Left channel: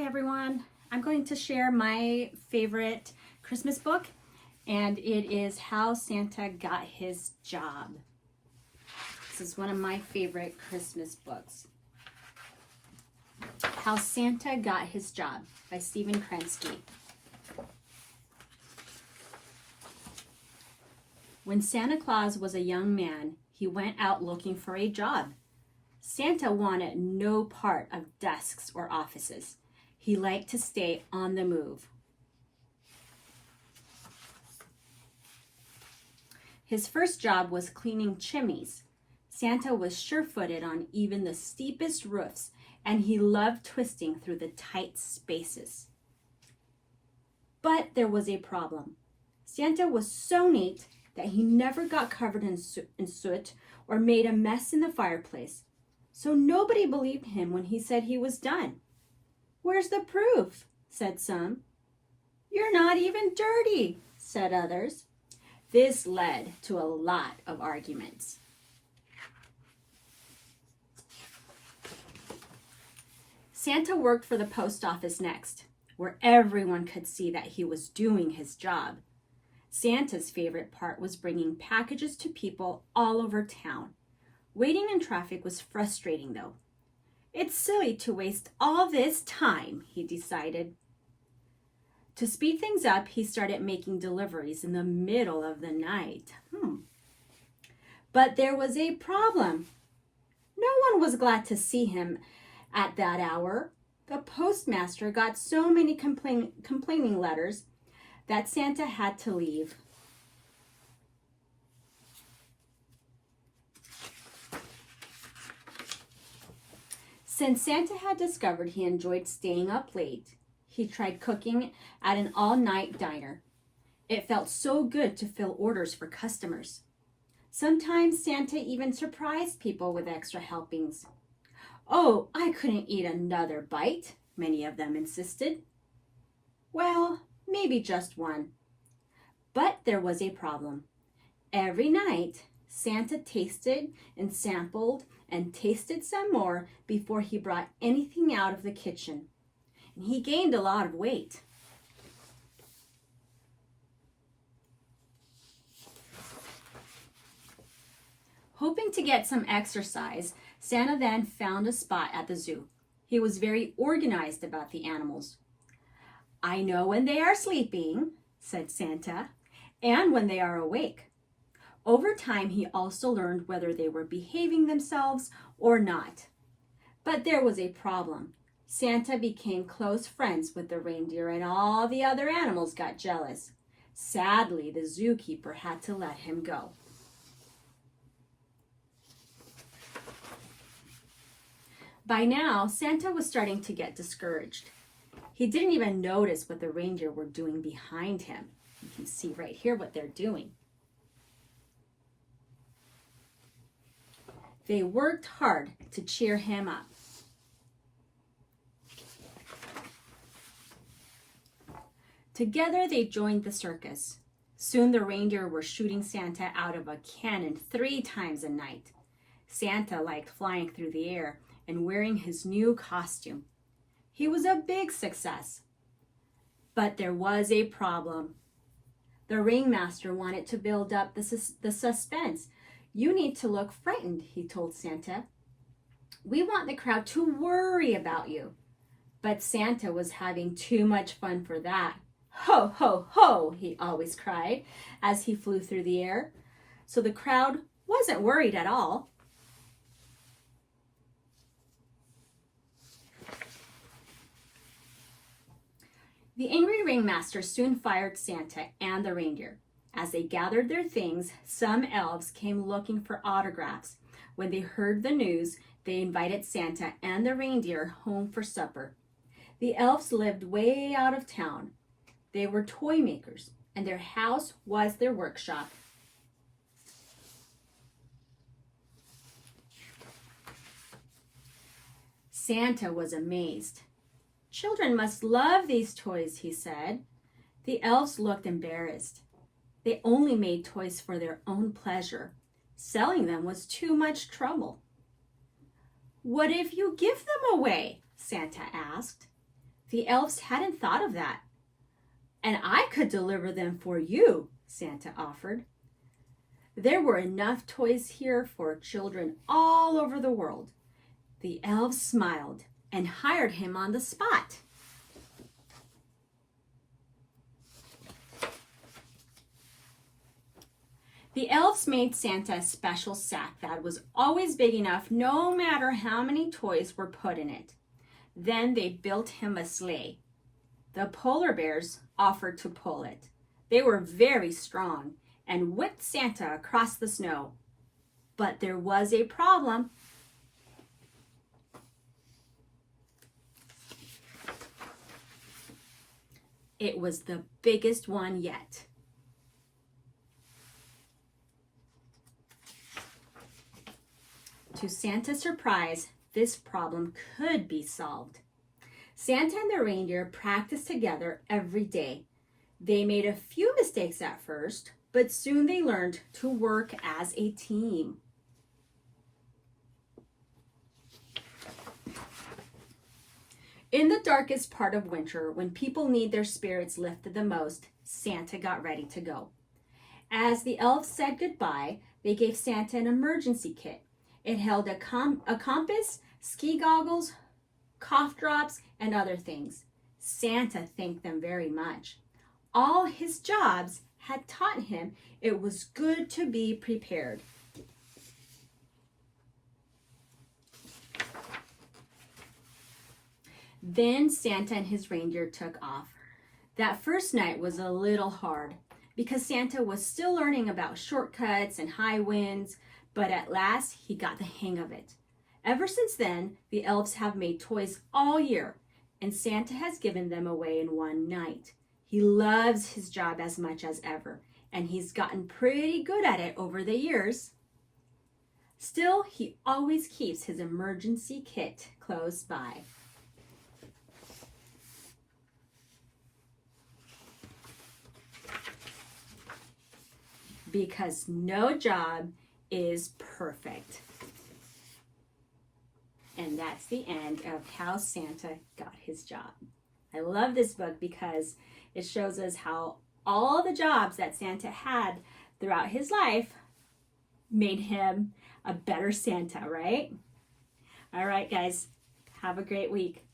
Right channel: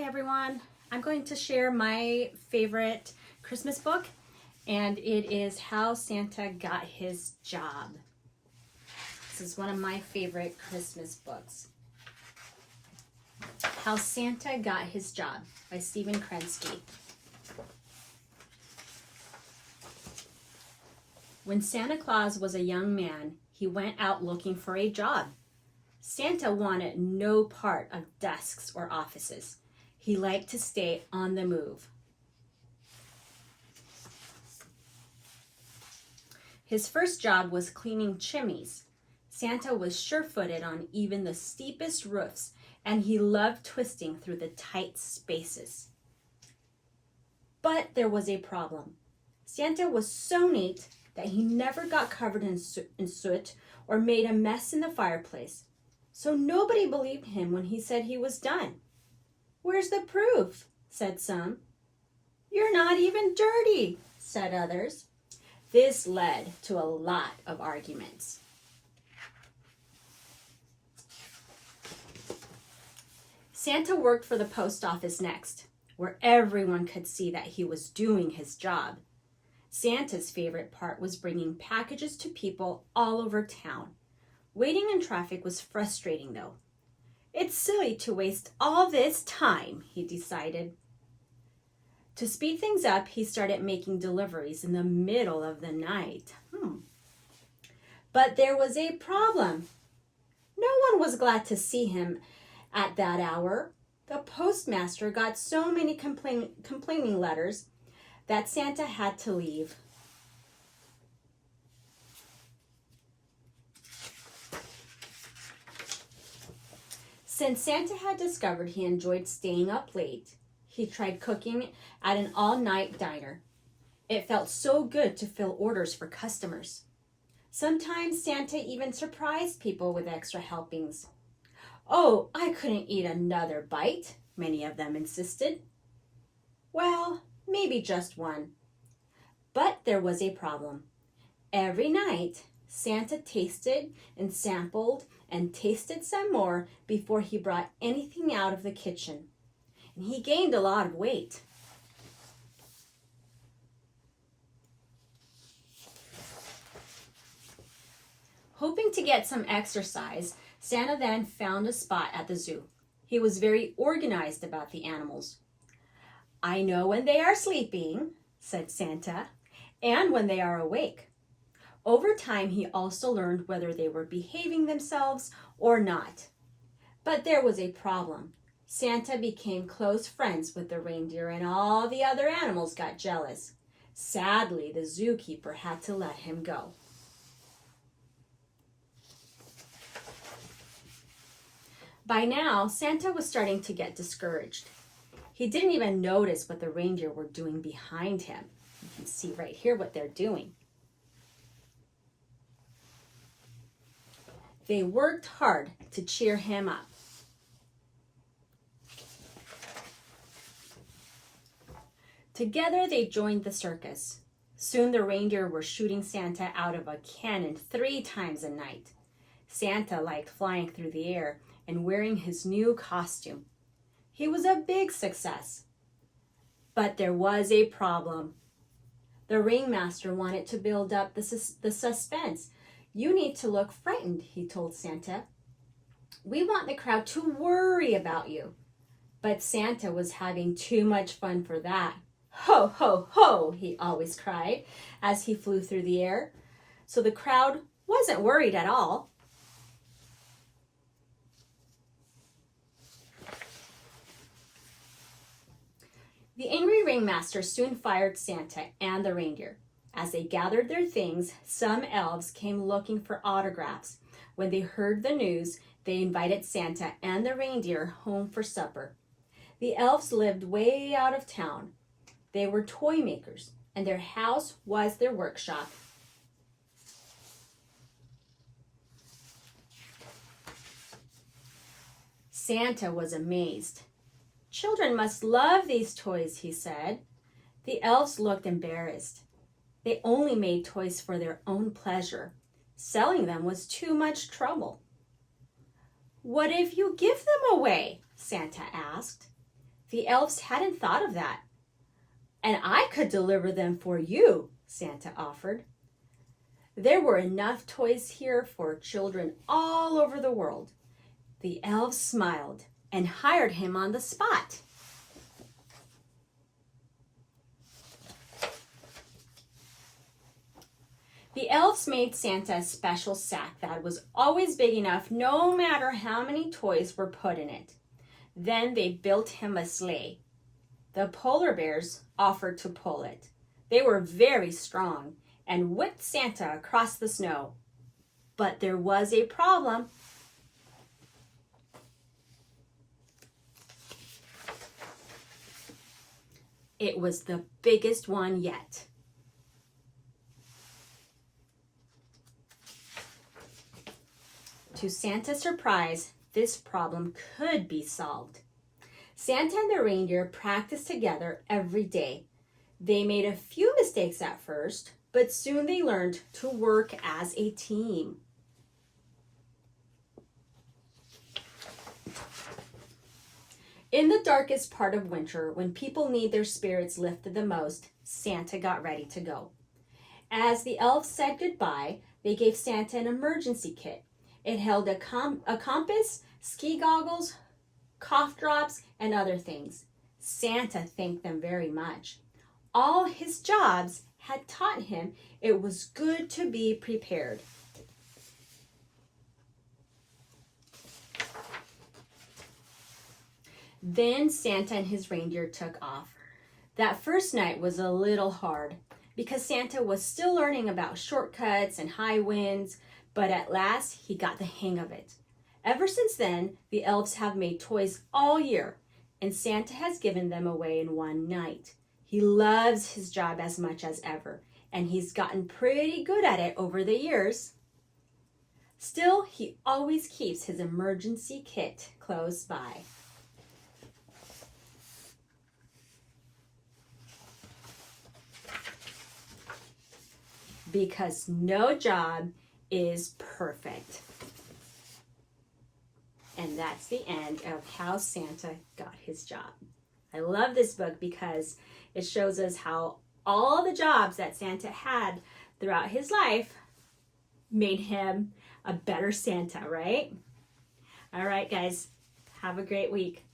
Hi everyone. I'm going to share my favorite Christmas book, and it is How Santa Got His Job. This is one of my favorite Christmas books. How Santa Got His Job by Stephen Krensky. When Santa Claus was a young man, he went out looking for a job. Santa wanted no part of desks or offices. He liked to stay on the move. His first job was cleaning chimneys. Santa was sure-footed on even the steepest roofs, and he loved twisting through the tight spaces. But there was a problem. Santa was so neat that he never got covered in soot or made a mess in the fireplace. So nobody believed him when he said he was done. "Where's the proof?" said some. "You're not even dirty," said others. This led to a lot of arguments. Santa worked for the post office next, where everyone could see that he was doing his job. Santa's favorite part was bringing packages to people all over town. Waiting in traffic was frustrating, though. "It's silly to waste all this time," he decided. To speed things up, he started making deliveries in the middle of the night. But there was a problem. No one was glad to see him at that hour. The postmaster got so many complaining letters that Santa had to leave. Since Santa had discovered he enjoyed staying up late, he tried cooking at an all-night diner. It felt so good to fill orders for customers. Sometimes Santa even surprised people with extra helpings. "Oh, I couldn't eat another bite," many of them insisted. Well, maybe just one. But there was a problem. Every night, Santa tasted and sampled and tasted some more before he brought anything out of the kitchen. And he gained a lot of weight. Hoping to get some exercise, Santa then found a spot at the zoo. He was very organized about the animals. "I know when they are sleeping," said Santa, "and when they are awake." Over time, he also learned whether they were behaving themselves or not. But there was a problem. Santa became close friends with the reindeer, and all the other animals got jealous. Sadly, the zookeeper had to let him go. By now, Santa was starting to get discouraged. He didn't even notice what the reindeer were doing behind him. You can see right here what they're doing. They worked hard to cheer him up. Together, they joined the circus. Soon the reindeer were shooting Santa out of a cannon 3 times a night. Santa liked flying through the air and wearing his new costume. He was a big success. But there was a problem. The ringmaster wanted to build up the suspense. "You need to look frightened," he told Santa. "We want the crowd to worry about you." But Santa was having too much fun for that. "Ho, ho, ho," he always cried as he flew through the air. So the crowd wasn't worried at all. The angry ringmaster soon fired Santa and the reindeer. As they gathered their things, some elves came looking for autographs. When they heard the news, they invited Santa and the reindeer home for supper. The elves lived way out of town. They were toy makers, and their house was their workshop. Santa was amazed. "Children must love these toys," he said. The elves looked embarrassed. They only made toys for their own pleasure. Selling them was too much trouble. "What if you give them away?" Santa asked. The elves hadn't thought of that. And I could deliver them for you, Santa offered. There were enough toys here for children all over the world. The elves smiled and hired him on the spot. The elves made Santa a special sack that was always big enough no matter how many toys were put in it. Then they built him a sleigh. The polar bears offered to pull it. They were very strong and whipped Santa across the snow. But there was a problem. It was the biggest one yet. To Santa's surprise, this problem could be solved. Santa and the reindeer practiced together every day. They made a few mistakes at first, but soon they learned to work as a team. In the darkest part of winter, when people need their spirits lifted the most, Santa got ready to go. As the elves said goodbye, they gave Santa an emergency kit. It held a compass, ski goggles, cough drops, and other things. Santa thanked them very much. All his jobs had taught him it was good to be prepared. Then Santa and his reindeer took off. That first night was a little hard because Santa was still learning about shortcuts and high winds, but at last he got the hang of it. Ever since then, the elves have made toys all year, and Santa has given them away in one night. He loves his job as much as ever, and he's gotten pretty good at it over the years. Still, he always keeps his emergency kit close by. Because no job is perfect. And that's the end of how Santa got his job. I love this book because it shows us how all the jobs that Santa had throughout his life made him a better Santa, right? All right, guys, have a great week.